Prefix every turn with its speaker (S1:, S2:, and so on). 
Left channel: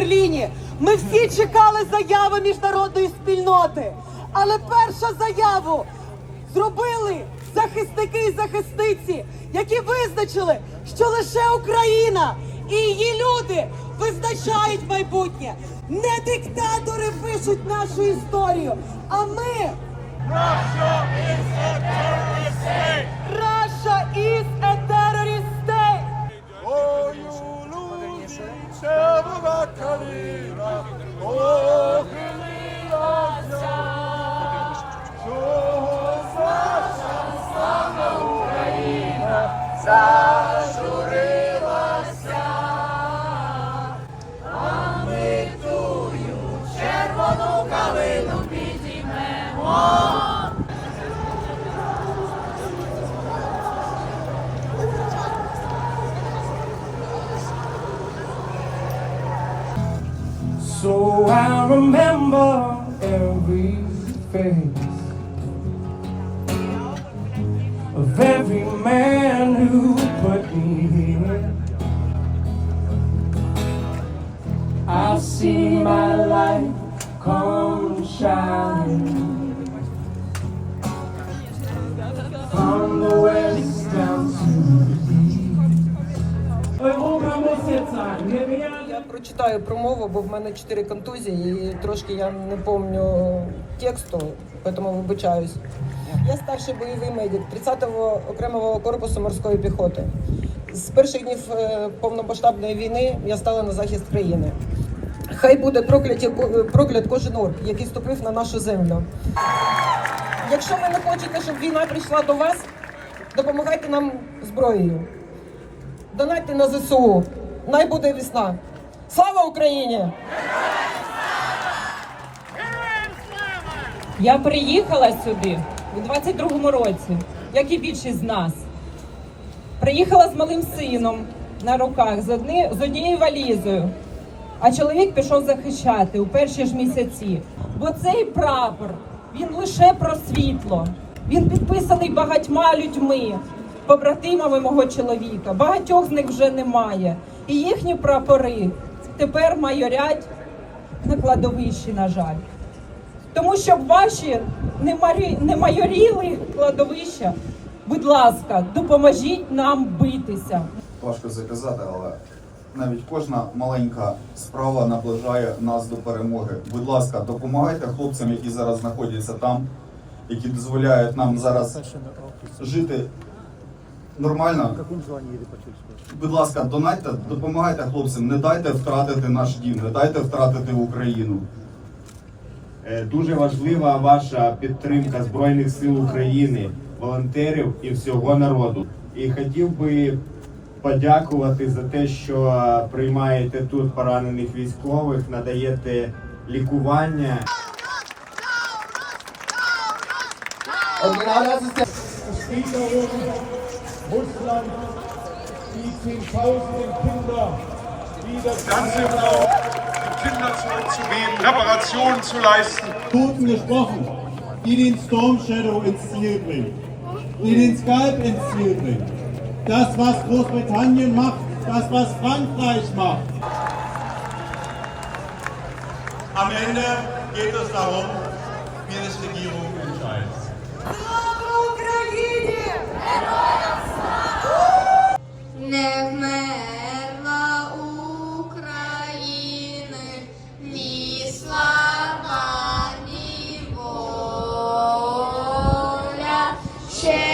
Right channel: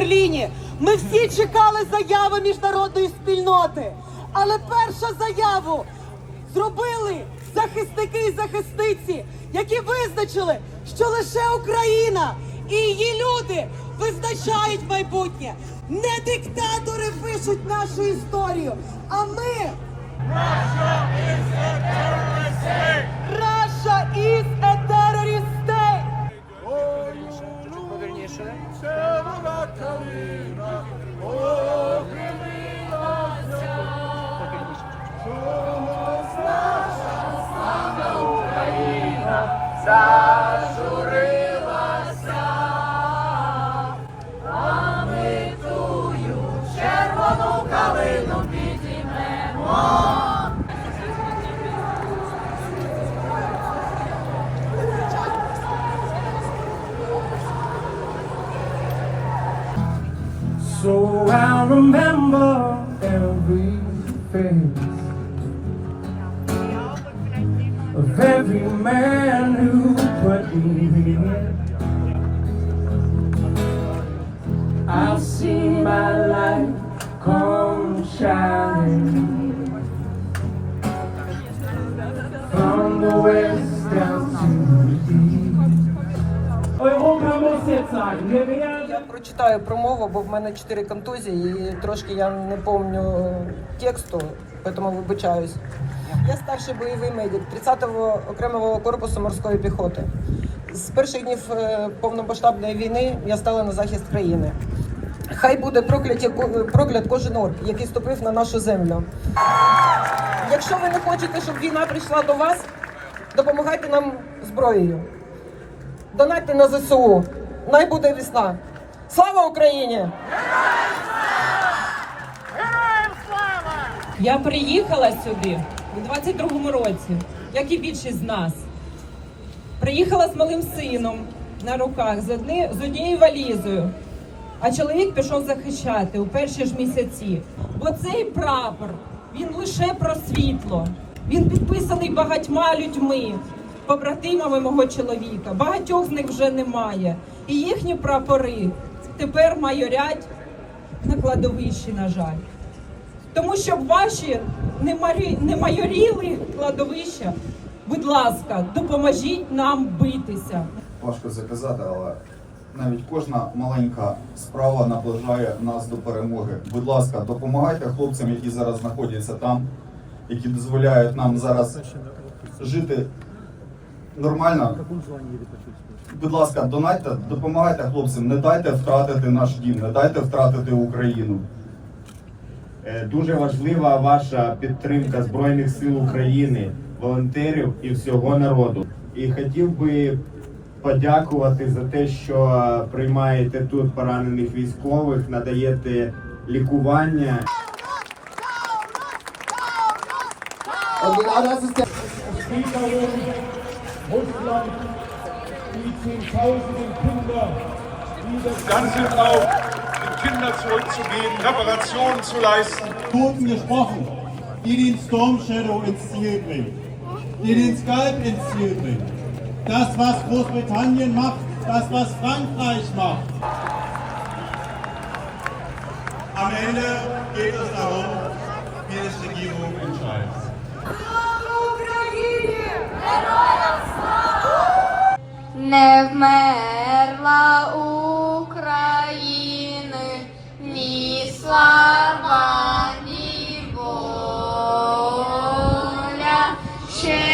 S1: Берліні. Ми всі чекали заяви міжнародної спільноти. Але першу заяву зробили захисники і захисниці, які визначили, що лише Україна і її люди визначають майбутнє. Не диктатори пишуть нашу історію, а ми. Russia is a terrorist
S2: So I remember every face of every man who put me here. I see my
S3: Я прочитаю промову, бо в мене чотири контузії і трошки я не пам'ятаю тексту, тому вибачаюсь. Я старший бойовий медик 30-го окремого корпусу морської піхоти. З перших днів е, повномасштабної війни я стала на захист країни. Хай буде прокляті, проклят кожен орк, який ступив на нашу землю. Якщо ви не хочете, щоб війна прийшла до вас, допомагайте нам зброєю. Донайте на ЗСУ. Най буде весна. Слава Україні!
S4: Я приїхала сюди у 22-му році, як і більшість з нас. Приїхала з малим сином на руках з, одні, з однією валізою. А чоловік пішов захищати у перші ж місяці. Бо цей прапор він лише про світло. Він підписаний багатьма людьми, побратимами мого чоловіка. Багатьох з них вже немає. І їхні прапори тепер майорять на кладовищі, на жаль. Тому щоб ваші не, майоріли кладовища, будь ласка, допоможіть нам битися.
S5: важко заказати, але навіть кожна маленька справа наближає нас до перемоги. Будь ласка, допомагайте хлопцям, які зараз знаходяться там, які дозволяють нам зараз жити нормально. Будь ласка, донайте, допомагайте хлопцям, не дайте втратити наш дім, не дайте втратити Україну.
S6: Е, Дуже важлива ваша підтримка Збройних сил України, волонтерів і всього народу. І хотів би подякувати за те, що приймаєте тут поранених військових, надаєте лікування.
S2: Russland, die Zehntausenden Kinder, die das
S7: Ganze auch den Kindern zurückzugeben, Reparationen zu leisten.
S8: Toten gesprochen, die den Storm Shadow ins Ziel bringt, die den Skype ins Ziel bringt. Das, was Großbritannien macht, das, was Frankreich macht. Am Ende geht es darum, wie es Regierung entscheidet.
S9: не вмерла України, ні слава, ні ще.